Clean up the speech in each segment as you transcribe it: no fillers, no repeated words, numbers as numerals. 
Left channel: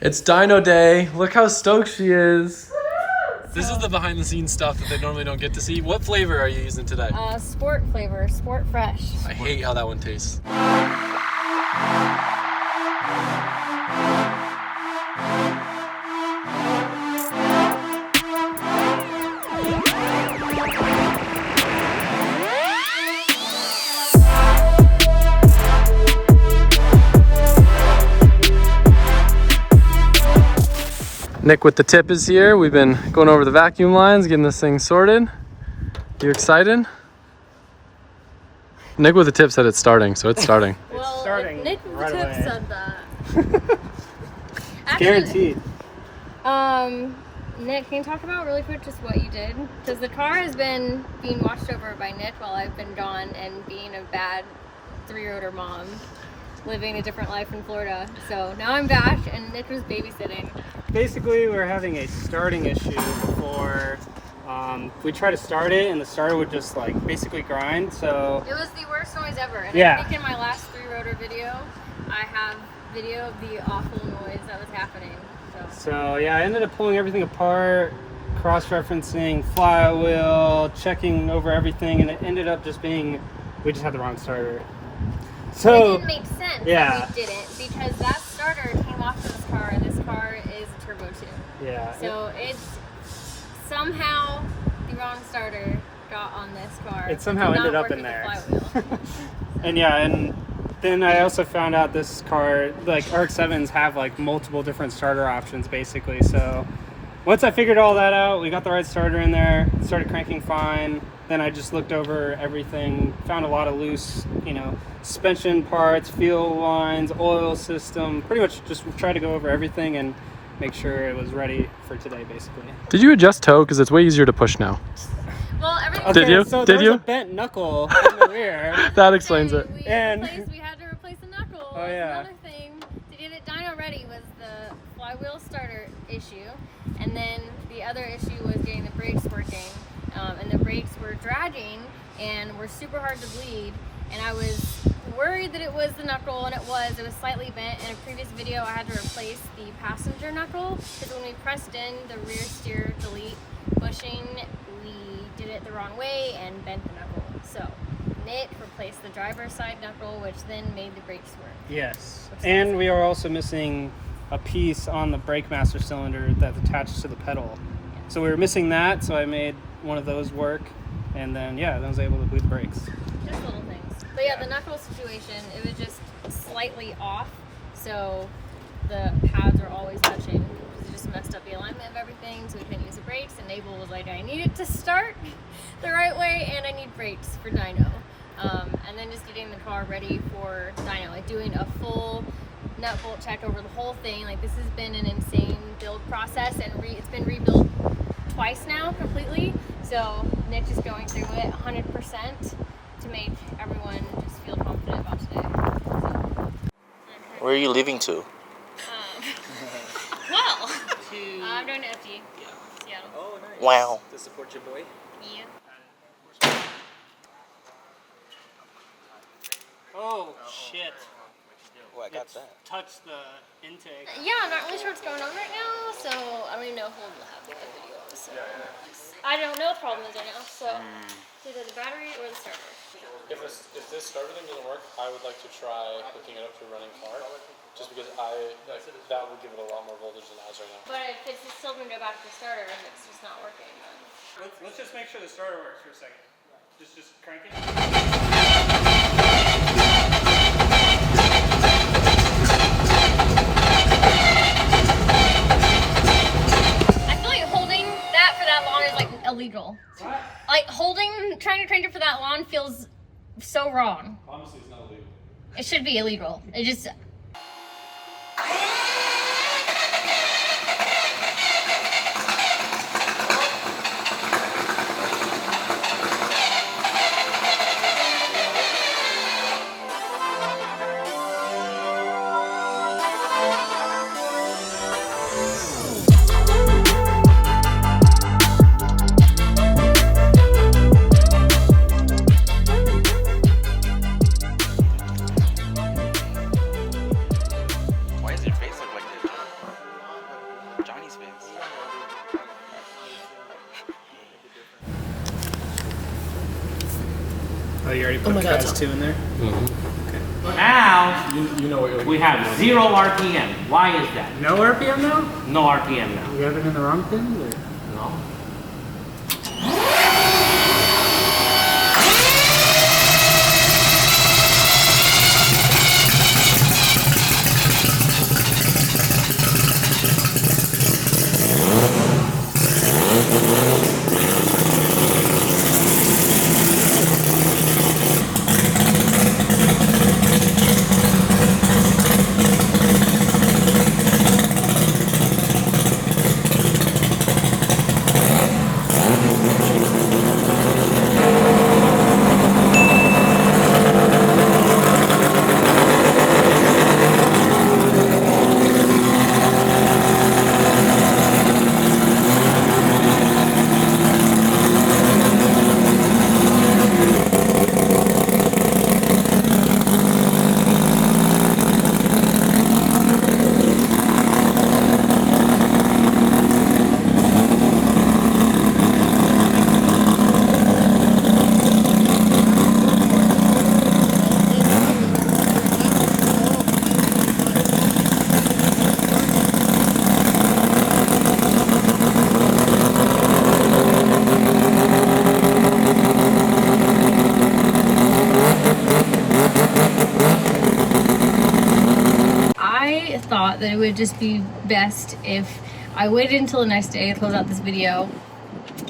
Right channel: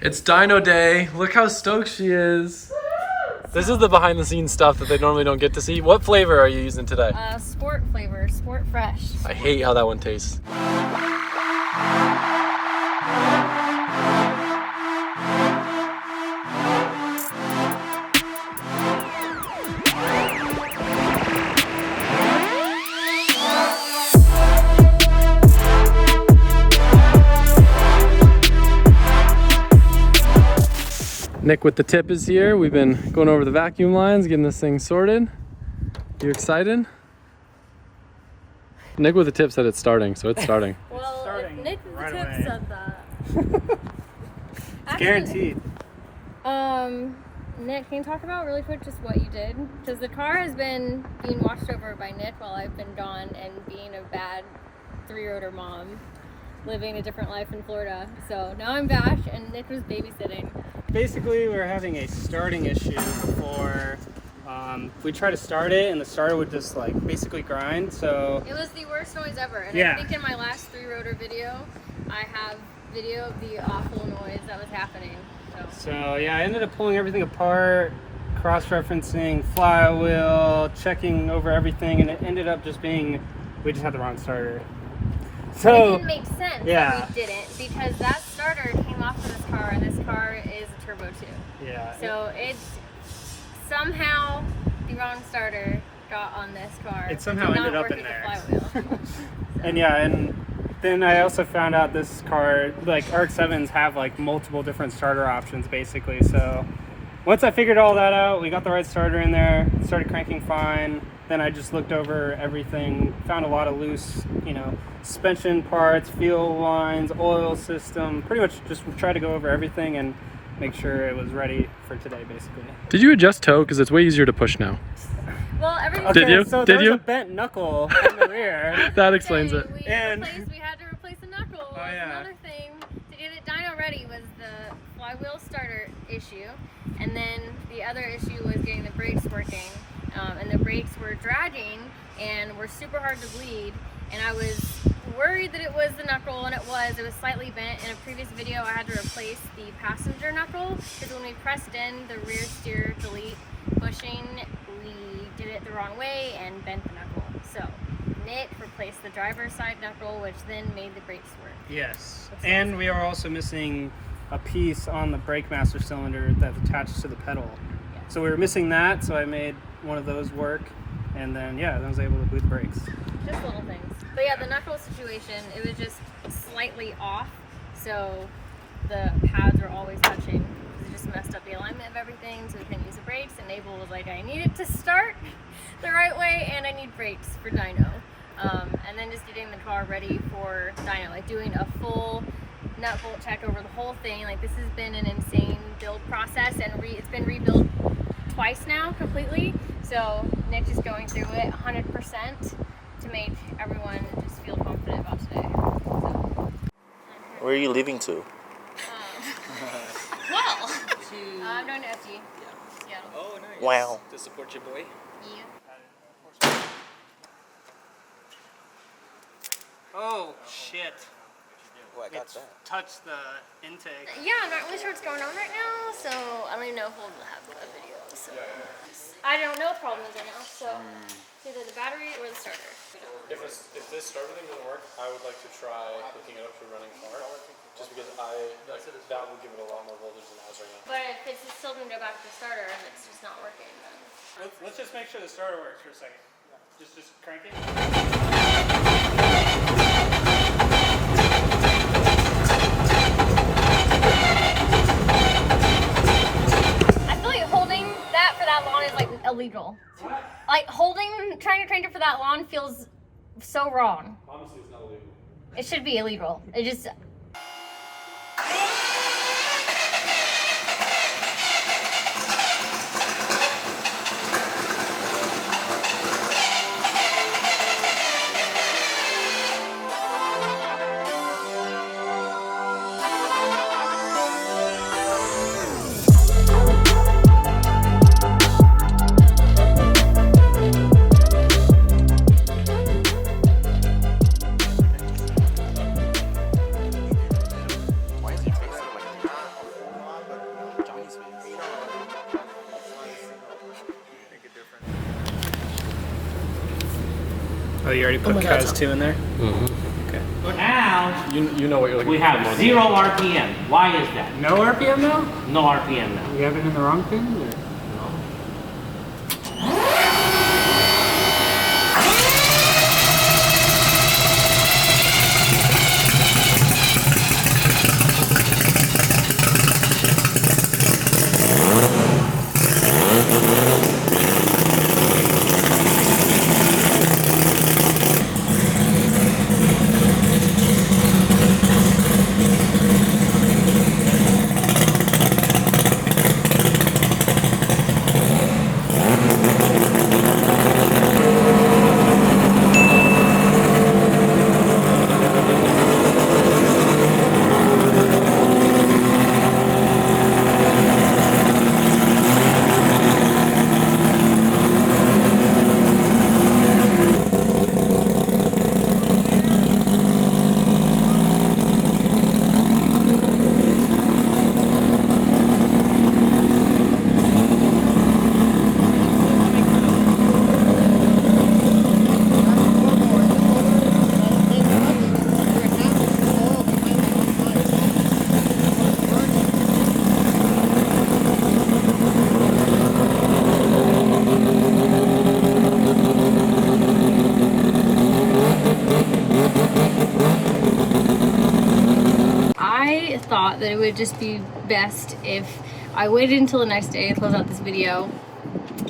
It's dyno day. Look how stoked she is. This is the behind the scenes stuff that they normally don't get to see. What flavor are you using today? Sport flavor, Sport Fresh. I hate how that one tastes. Nick with the tip is here. We've been going over the vacuum lines, getting this thing sorted. You excited? Nick with the tip said it's starting, so it's starting. Well, starting if Nick with the tip said that. Actually, Guaranteed. Nick, can you talk about really quick just what you did? Because the car has been being watched over by Nick while I've been gone and being a bad 3-rotor mom, living a different life in Florida. So now I'm back and Nick was babysitting. Basically, we were having a starting issue before we tried to start it, and the starter would just like basically grind. So it was the worst noise ever. And yeah. I think in my last 3-rotor video, I have video of the awful noise that was happening. So yeah, I ended up pulling everything apart, cross-referencing flywheel, checking over everything, and it ended up just being we just had the wrong starter. So it didn't make sense yeah. that we didn't, because that starter came off of this car, and this car is a turbo 2. Yeah. So it's somehow the wrong starter got on this car. It somehow ended up in there. The flywheel. And yeah, and then I also found out this car, like RX7s have like multiple different starter options basically. So once I figured all that out, we got the right starter in there, started cranking fine. Then I just looked over everything, found a lot of loose, suspension parts, fuel lines, oil system, pretty much just tried to go over everything and make sure it was ready for today basically. Did you adjust toe? Because it's way easier to push now. Well, everything. Okay, Did you? So Did there's you? a bent knuckle in the rear. That explains it. We had to replace the knuckle. Oh, yeah. Another thing to get it dyno ready was the flywheel starter issue, and then the other issue was getting the brakes working. And the brakes were dragging and were super hard to bleed, and I was worried that it was the knuckle, and it was slightly bent. In a previous video I had to replace the passenger knuckle because when we pressed in the rear steer delete bushing, we did it the wrong way and bent the knuckle. So Nick replaced the driver's side knuckle, which then made the brakes work. Yes, and we are also missing a piece on the brake master cylinder that's attached to the pedal. So we were missing that, so I made one of those work, and then yeah, I was able to boot the brakes. Just little things. But yeah, the knuckle situation, it was just slightly off, so the pads are always touching. It just messed up the alignment of everything, so we couldn't use the brakes, and Abel was like, I need it to start the right way, and I need brakes for dyno. And then just getting the car ready for dyno, like doing a full nut bolt check over the whole thing. Like, this has been an insane build process, and it's been rebuilt twice now completely. So Nick's just going through it 100% to make everyone just feel confident about today. So. Where are you leaving to? Well, I'm going to FG. Seattle. Oh, nice. Wow. To support your boy. Yeah. Oh shit. Oh, I got It's that. touched the intake. Yeah, I'm not really sure what's going on right now, so I don't even know if we'll have a video. So I don't know what the problem is right now, so it's either the battery or the starter. If this starter thing doesn't work, I would like to try hooking it up to a running car, just because that would give it a lot more voltage than it has right now. But if it's still going to go back to the starter and it's just not working, then... Let's just make sure the starter works for a second. Just crank it. I feel like holding that for that long is like illegal. What? Like trying to crank it for that long feels so wrong. Obviously, it's not illegal. It should be illegal. It just... Why is your face Oh, you already put my God, Kaz 2 in there? Okay. Now, You know what you're looking we for. have 0 RPM. Why is that? No RPM now? No RPM now. You have it in the wrong thing? Or? No. I thought that it would just be best if I waited until the next day to close out this video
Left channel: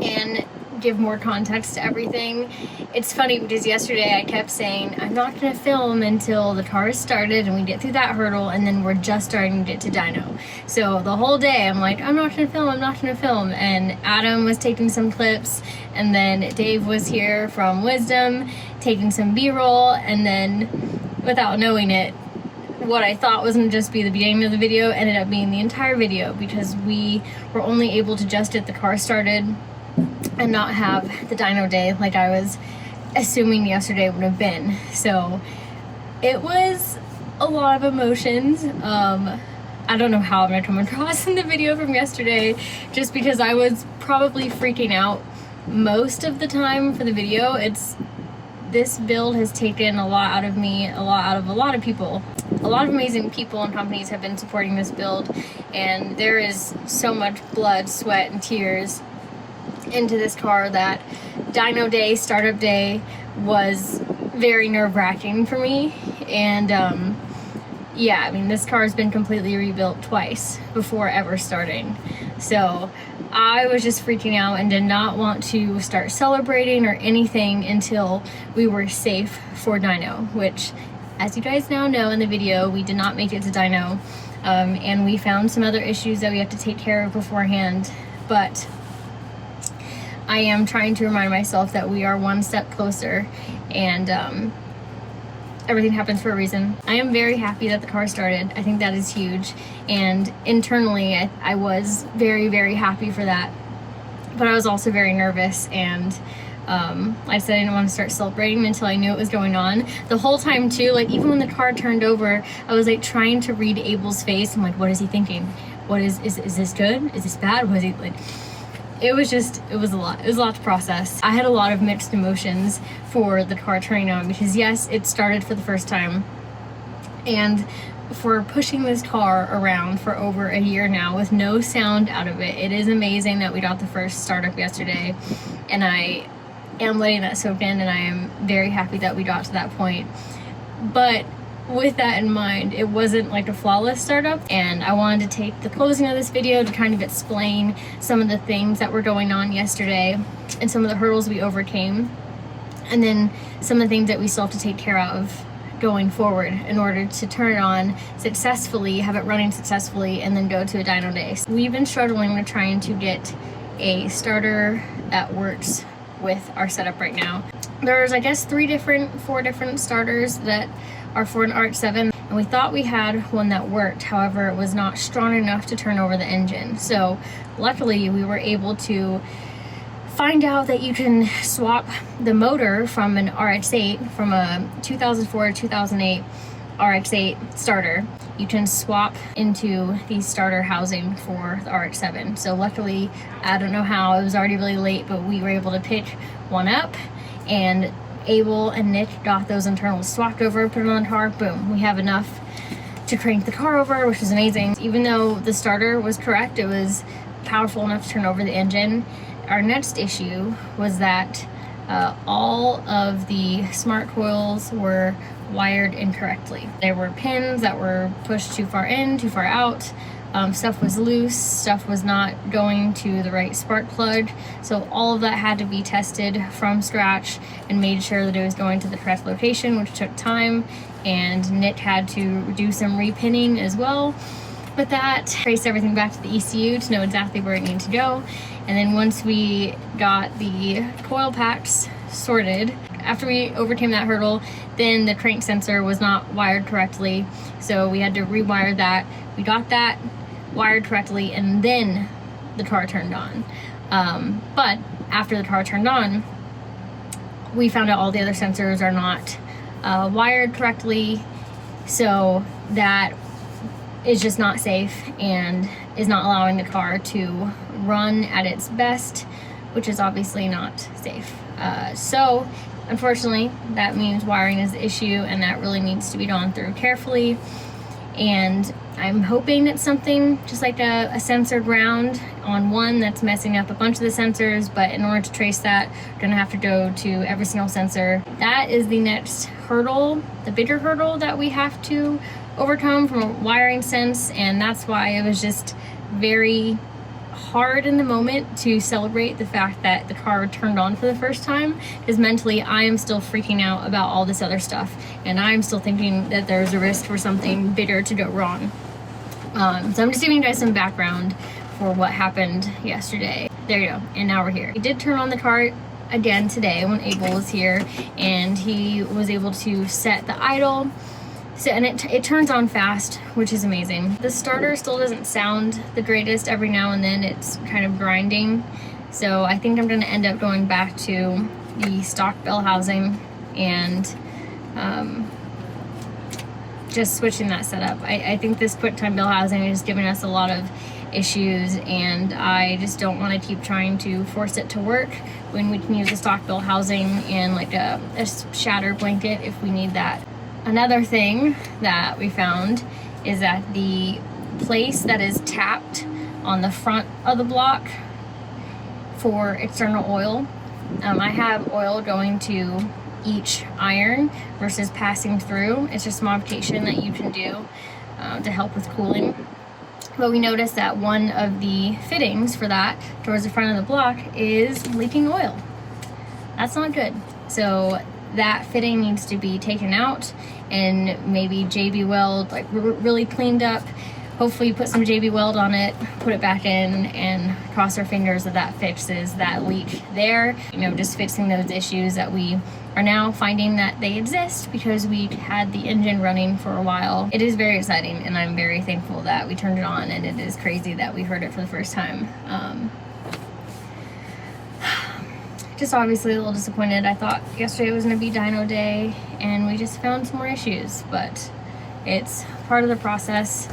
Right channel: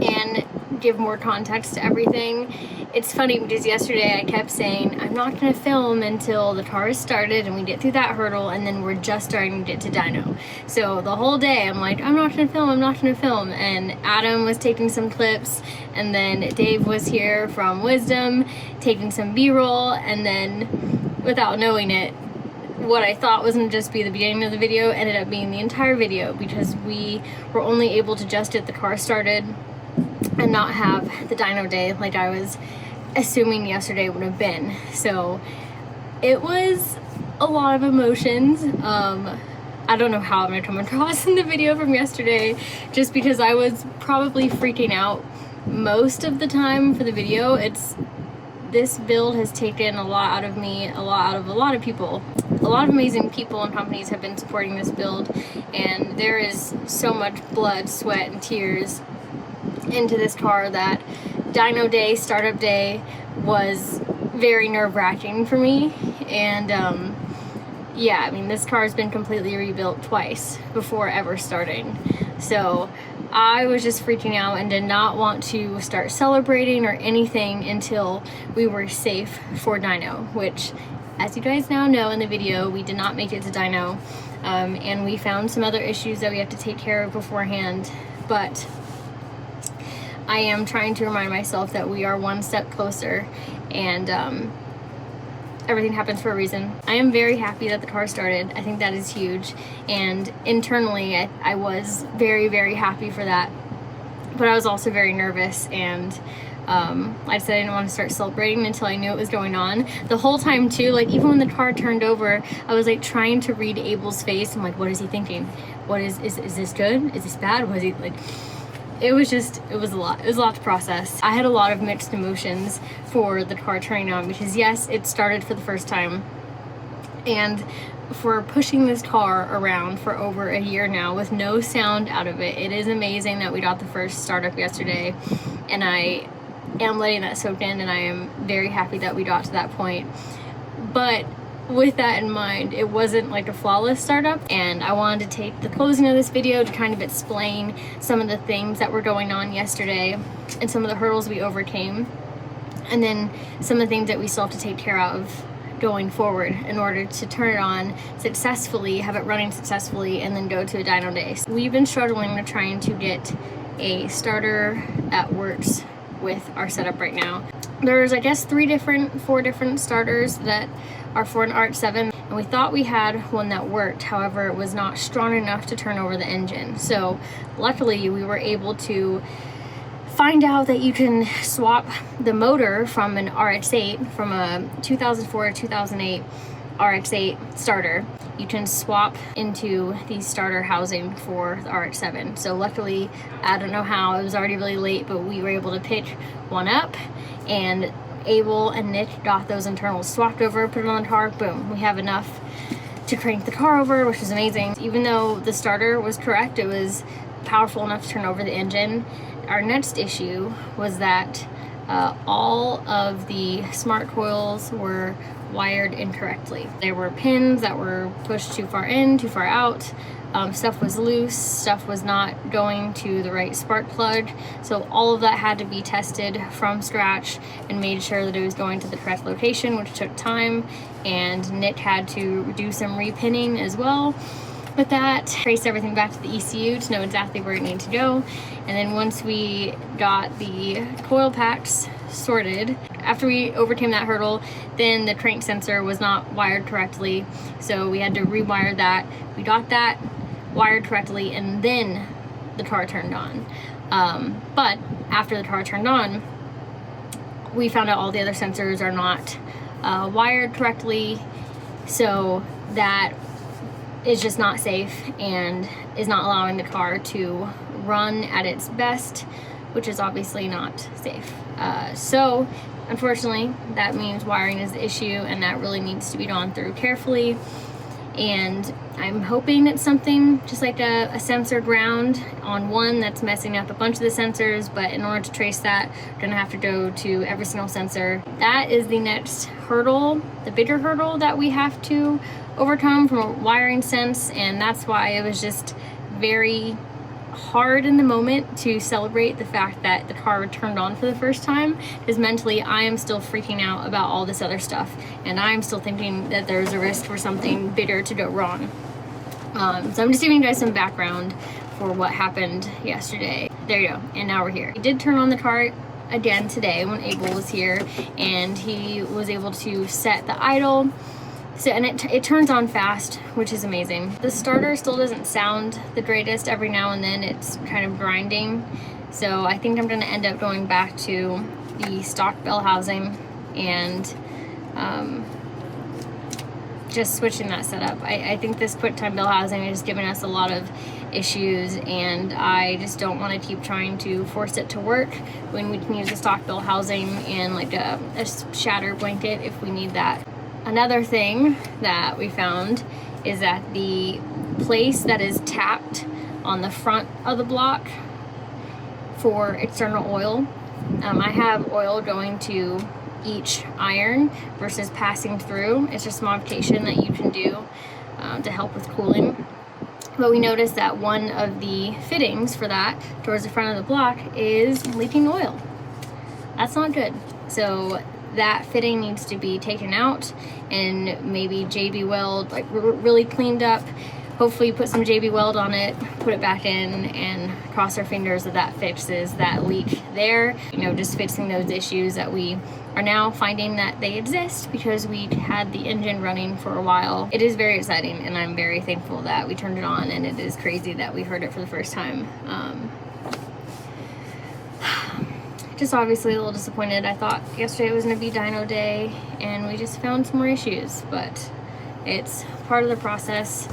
and give more context to everything. It's funny because yesterday I kept saying I'm not going to film until the car is started and we get through that hurdle, and then we're just starting to get to dyno. So the whole day I'm like, I'm not going to film, I'm not going to film. And Adam was taking some clips, and then Dave was here from Wisdom taking some B-roll, and then without knowing it, what I thought was going to just be the beginning of the video ended up being the entire video, because we were only able to just get the car started and not have the dyno day like I was assuming yesterday would have been. So it was a lot of emotions. I don't know how I'm gonna come across in the video from yesterday, just because I was probably freaking out most of the time for the video. This build has taken a lot out of me, a lot out of a lot of people. A lot of amazing people and companies have been supporting this build, and there is so much blood, sweat, and tears into this car that dyno day, startup day was very nerve-wracking for me. And yeah, I mean, this car has been completely rebuilt twice before ever starting. So I was just freaking out and did not want to start celebrating or anything until we were safe for dyno, which, as you guys now know in the video, we did not make it to dyno, and we found some other issues that we have to take care of beforehand. But I am trying to remind myself that we are one step closer, and everything happens for a reason. I am very happy that the car started. I think that is huge, and internally I was very, very happy for that. But I was also very nervous, and I said I didn't want to start celebrating until I knew what was going on. The whole time too, like even when the car turned over, I was like trying to read Abel's face. I'm like, what is he thinking? What is this good? Is this bad? Was he like... It was a lot. It was a lot to process. I had a lot of mixed emotions for the car turning on, because yes, it started for the first time, and for pushing this car around for over a year now with no sound out of it. It is amazing that we got the first startup yesterday, and I am letting that soak in, and I am very happy that we got to that point. But with that in mind, it wasn't like a flawless startup, and I wanted to take the closing of this video to kind of explain some of the things that were going on yesterday and some of the hurdles we overcame, and then some of the things that we still have to take care of going forward in order to turn it on successfully, have it running successfully, and then go to a dyno day. So we've been struggling with trying to get a starter that works with our setup right now. There's, I guess, 4 different starters that are for an RX7, and we thought we had one that worked. However, it was not strong enough to turn over the engine. So luckily we were able to find out that you can swap the motor from an RX8, from a 2004 to 2008 RX8 starter. You can swap into the starter housing for the RX7. So luckily, I don't know how, it was already really late, but we were able to pick one up, and Abel and Nick got those internals swapped over, put it on the car, boom, we have enough to crank the car over, which is amazing. Even though the starter was correct, it was powerful enough to turn over the engine. Our next issue was that all of the smart coils were wired incorrectly. There were pins that were pushed too far in, too far out. Stuff was loose, stuff was not going to the right spark plug. So all of that had to be tested from scratch and made sure that it was going to the correct location, which took time. And Nick had to do some repinning as well. With that, trace everything back to the ECU to know exactly where it needed to go. And then once we got the coil packs sorted, after we overcame that hurdle, then the crank sensor was not wired correctly. So we had to rewire that. We got that wired correctly, and then the car turned on. But after the car turned on, we found out all the other sensors are not wired correctly. So that is just not safe and is not allowing the car to run at its best, which is obviously not safe. So unfortunately, that means wiring is the issue, and that really needs to be gone through carefully. And I'm hoping it's something just like a sensor ground on one that's messing up a bunch of the sensors, but in order to trace that, we're gonna have to go to every single sensor. That is the next hurdle, the bigger hurdle that we have to overcome from a wiring sense, and that's why it was just very hard in the moment to celebrate the fact that the car turned on for the first time, because mentally I am still freaking out about all this other stuff, and I'm still thinking that there's a risk for something bigger to go wrong. So I'm just giving you guys some background for what happened yesterday. There you go, and now we're here. We did turn on the car again today when Abel was here, and he was able to set the idle. So, and it turns on fast, which is amazing. The starter still doesn't sound the greatest. Every now and then it's kind of grinding. So I think I'm gonna end up going back to the stock bell housing and just switching that setup. I think this quick time bell housing is giving us a lot of issues, and I just don't want to keep trying to force it to work when we can use a stock bell housing and like a shatter blanket if we need that. Another thing that we found is that the place that is tapped on the front of the block for external oil, I have oil going to each iron versus passing through. It's just a modification that you can do to help with cooling. But we noticed that one of the fittings for that towards the front of the block is leaking oil. That's not good. So that fitting needs to be taken out and maybe JB weld, like really cleaned up. Hopefully put some JB weld on it, put it back in, and cross our fingers that that fixes that leak there. You know, just fixing those issues that we are now finding that they exist because we had the engine running for a while. It is very exciting, and I'm very thankful that we turned it on, and it is crazy that we heard it for the first time. Just obviously a little disappointed. I thought yesterday was gonna be dyno day, and we just found some more issues, but it's part of the process.